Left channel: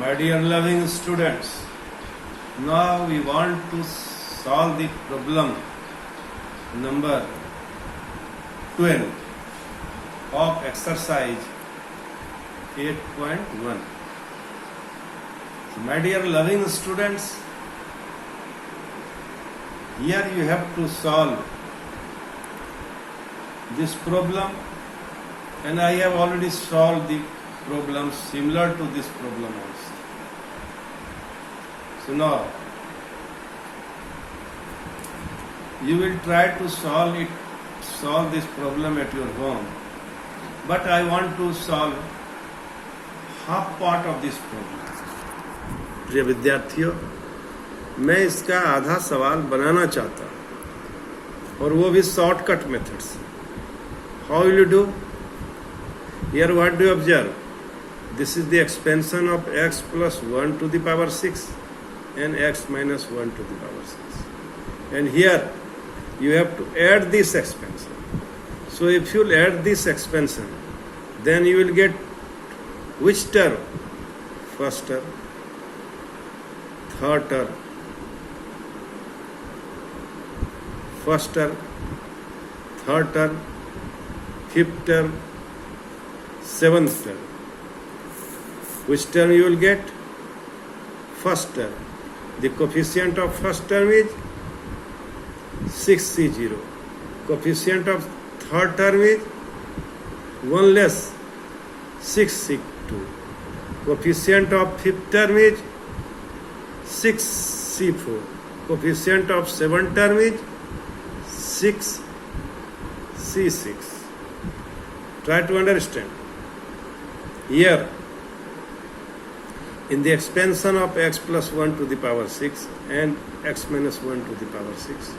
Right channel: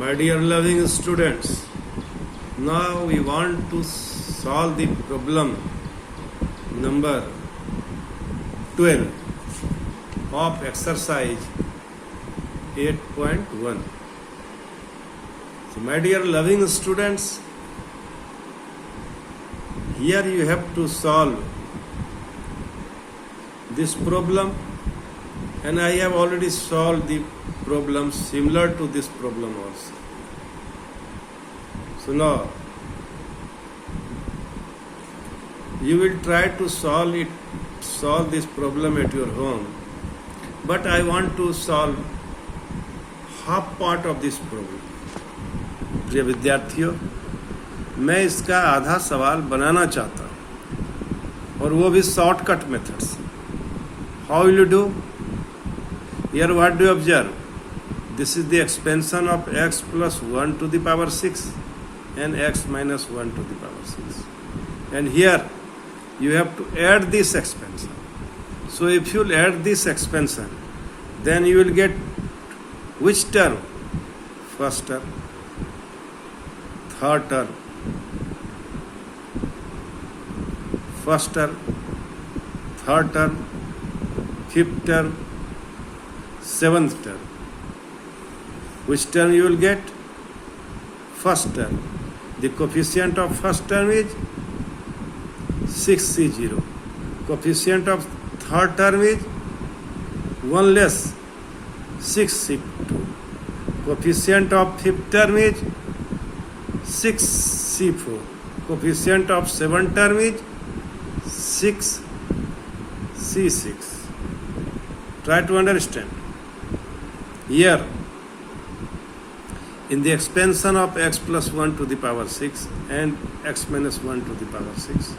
My dear loving students, now we want to solve the problem number 12 of exercise 8.1. So my dear loving students, here you have to solve this problem, and I have already solved the problem similar to this problem also. So now you will try to solve this problem at your home, but I want to solve half part of this problem. प्रिय विद्यार्थियों, मैं इसका आधा सवाल बनाना चाहता हूँ और वो भी शॉर्टकट मेथड से. How will you do? Here what do you observe? This is the expansion of x plus 1 to the power 6 and x minus 1 to the power 6. And here you have to add this expansion. So if you add this expansion, then you will get which term? First term, third term, first term, third term, fifth term, seventh term. Which term you will get? First term. The coefficient of first term is 6C0. Coefficient of third term is 1 less 6C2. Coefficient of fifth term is 6C4. Coefficient of seventh term is 6C6. Try to understand. Here, in the expansion of x plus 1 to the power 6 and x minus 1 to the power 6,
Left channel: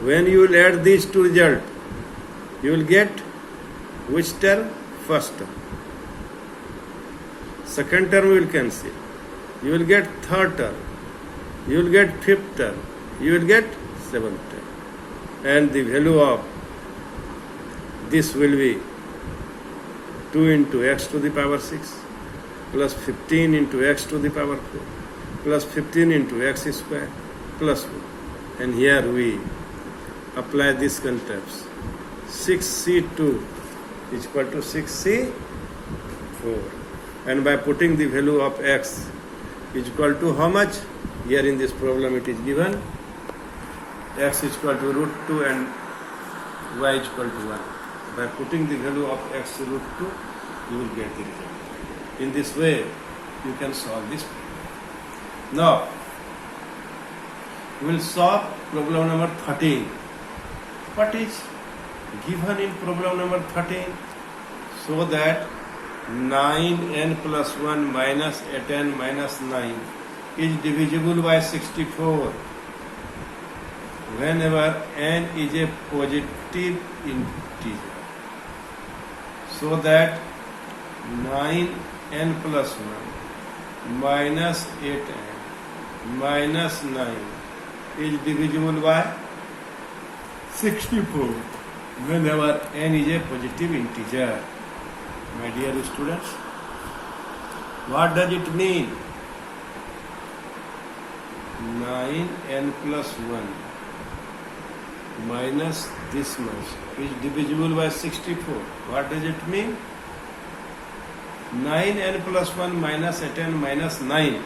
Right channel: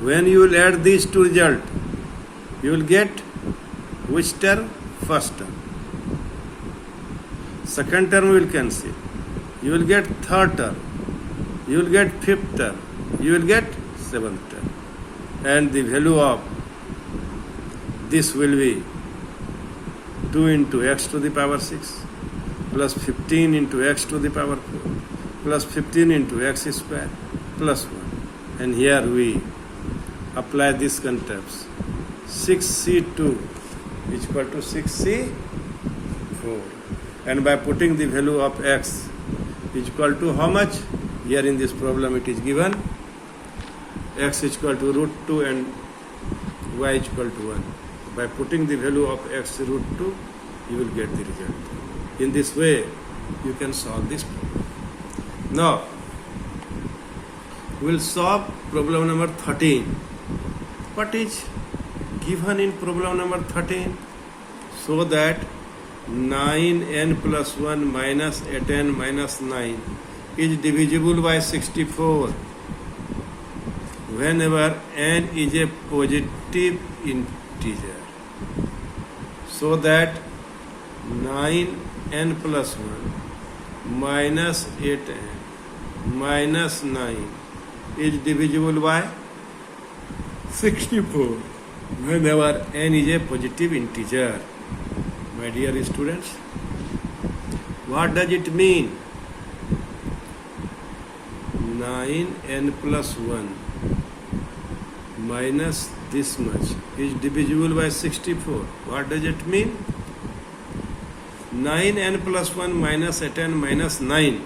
when you will add these two results, you will get which term? First term. Second term you will cancel. You will get third term. You will get fifth term. You will get seventh term. And the value of this will be 2 into x to the power 6 plus 15 into x to the power 4 plus 15 into x square plus 1. And here we apply these concepts. 6C2 is equal to 6C4. And by putting the value of x is equal to how much? Here in this problem it is given x is equal to root 2 and y is equal to 1. By putting the value of x root 2, you will get the result. In this way, you can solve this problem. Now, we will solve problem number 13. What is given in problem number 13? So that 9n plus 1 minus 8n minus 9 is divisible by 64 whenever n is a positive integer. So that 9n plus 1 minus 8n minus 9 is divisible by 64 whenever n is a positive integer. My dear students, what does it mean? 9n plus 1 minus this much is divisible by 64. What does it mean? 9n plus 1 minus 8n minus 9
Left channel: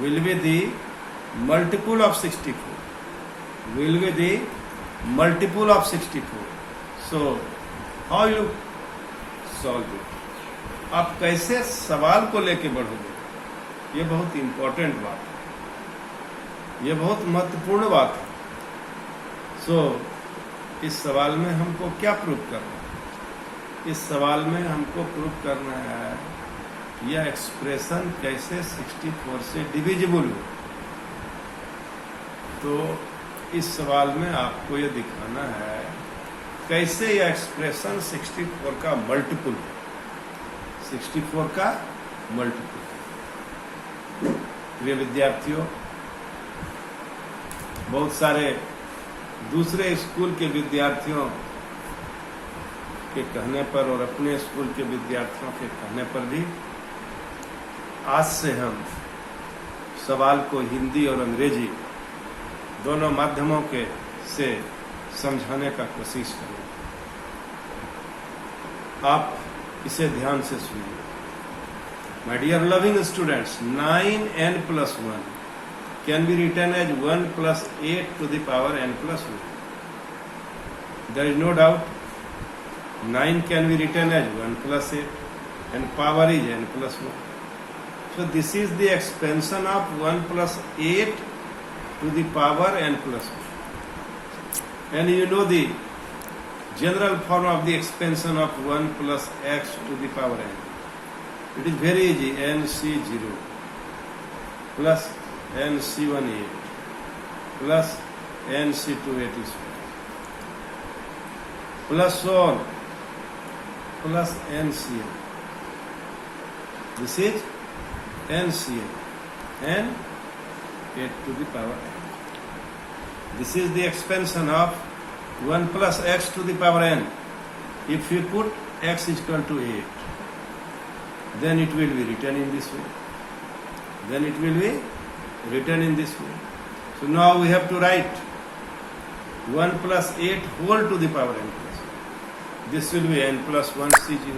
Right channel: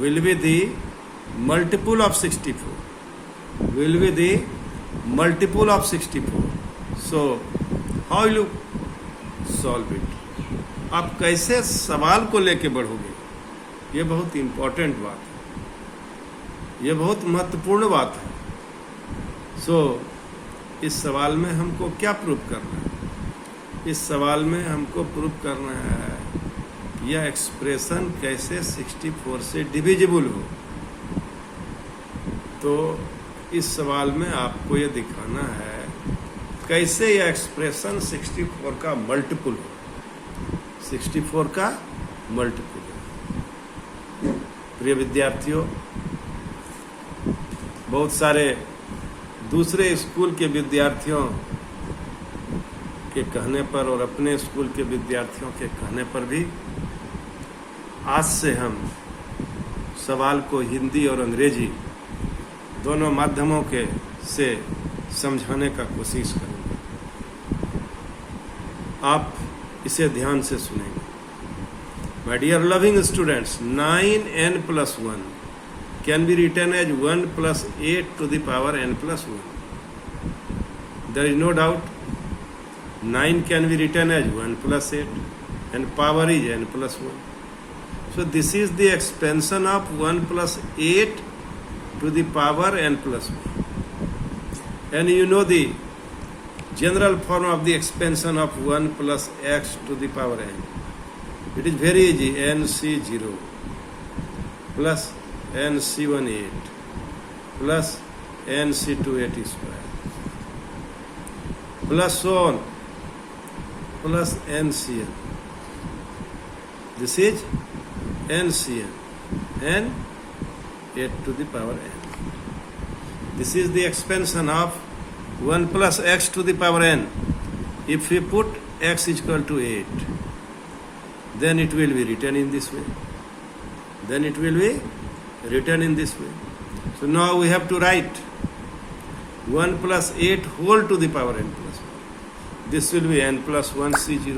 will be the multiple of 64. Will be the multiple of 64. So, how you solve it? आप कैसे सवाल को लेके बढ़ोगे? ये बहुत important बात है. ये बहुत महत्वपूर्ण बात है. सो इस सवाल में हमको क्या प्रूव करना है? इस सवाल में हमको प्रूव करना है यह एक्सप्रेशन कैसे 64 से डिविजिबल हो. तो इस सवाल में आपको यह दिखाना है कैसे यह एक्सप्रेशन 64 का मल्टीपल हो. 64 का मल्टीपल. प्रिय विद्यार्थियों, बहुत सारे दूसरे स्कूल के विद्यार्थियों के कहने पर और अपने स्कूल के विद्यार्थियों के कहने पर भी आज से हम सवाल को हिंदी और अंग्रेजी दोनों माध्यमों के से समझाने का कोशिश करेंगे। आप इसे ध्यान से सुनेंगे। My dear loving students, 9n plus 1 can be written as 1 plus 8 to the power n plus 1. There is no doubt 9 can be written as 1 plus 8 and power is n plus 1. So this is the expansion of 1 plus 8 to the power n plus 1. And you know the general form of the expansion of 1 plus x to the power n. It is very easy. nc0 plus nc1 8 plus nc2 8 square plus so on plus ncn. This is ncn and 8 to the power n. This is the expansion of 1 plus x to the power n. If we put x is equal to 8, then it will be written in this way. Then it will be written in this way. So now we have to write 1 plus 8 whole to the power n plus 1. This will be n plus 1 c0,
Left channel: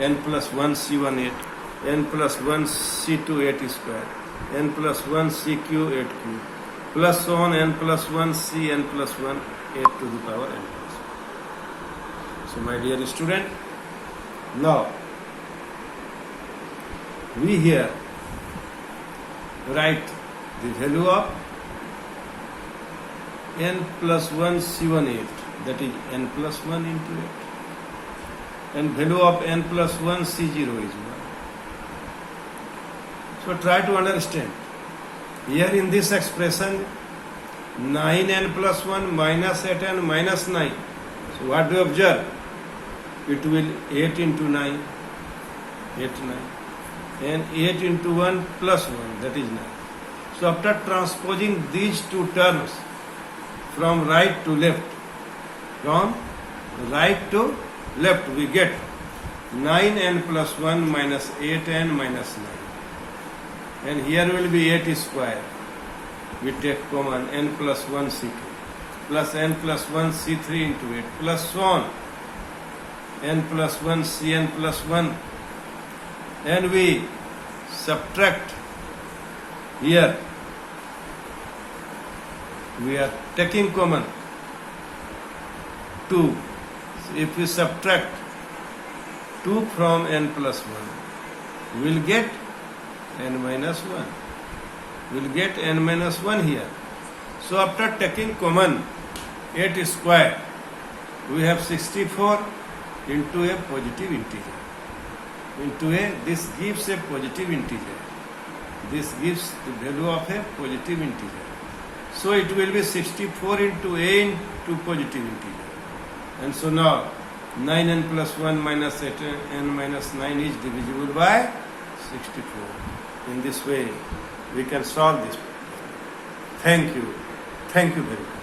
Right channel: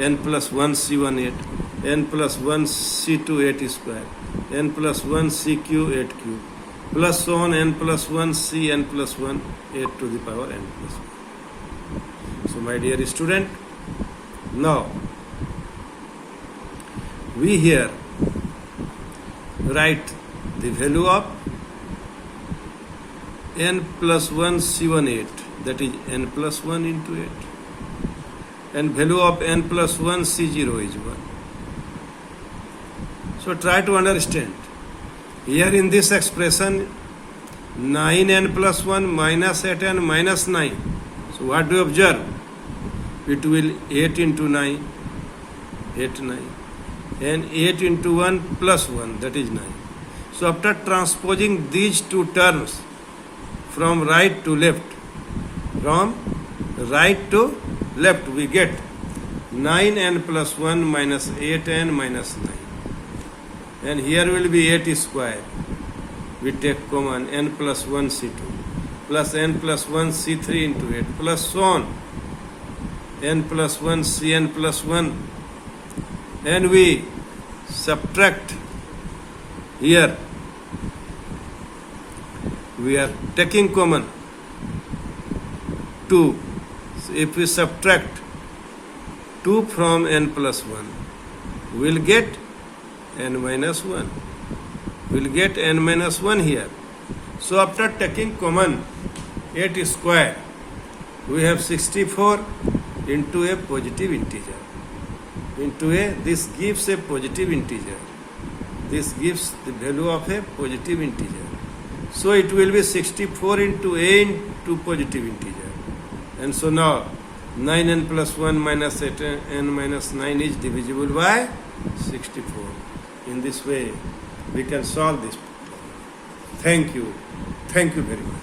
n plus 1 c1 8, n plus 1 c2 8 square, n plus 1 cq 8 cube, plus so on n plus 1 c n plus 1 8 to the power n plus 1. So my dear student, now we here write the value of n plus 1 c1 8, that is n plus 1 into 8, and value of n plus 1 c0 is 1. So try to understand. Here in this expression 9n plus 1 minus 8n minus 9. So what do you observe? It will 8 into 9, 8 9. And 8 into 1 plus 1, that is 9. So after transposing these two terms from right to left, we get 9n plus 1 minus 8n minus 9. And here will be 8 square. We take common n plus 1 c2 plus n plus 1 c3 into 8 plus so on n plus 1 cn plus 1. And we subtract here. We are taking common 2. So if we subtract 2 from n plus 1, we will get n minus 1. We will get n minus 1 here. So after taking common 8 square, we have 64 into a positive integer. This gives a positive integer. This gives the value of a positive integer. So it will be 64 into a into positive integer. And so now 9n plus 1 minus 8n minus 9 is divisible by 64. In this way we can solve this problem. Thank you. Thank you very much.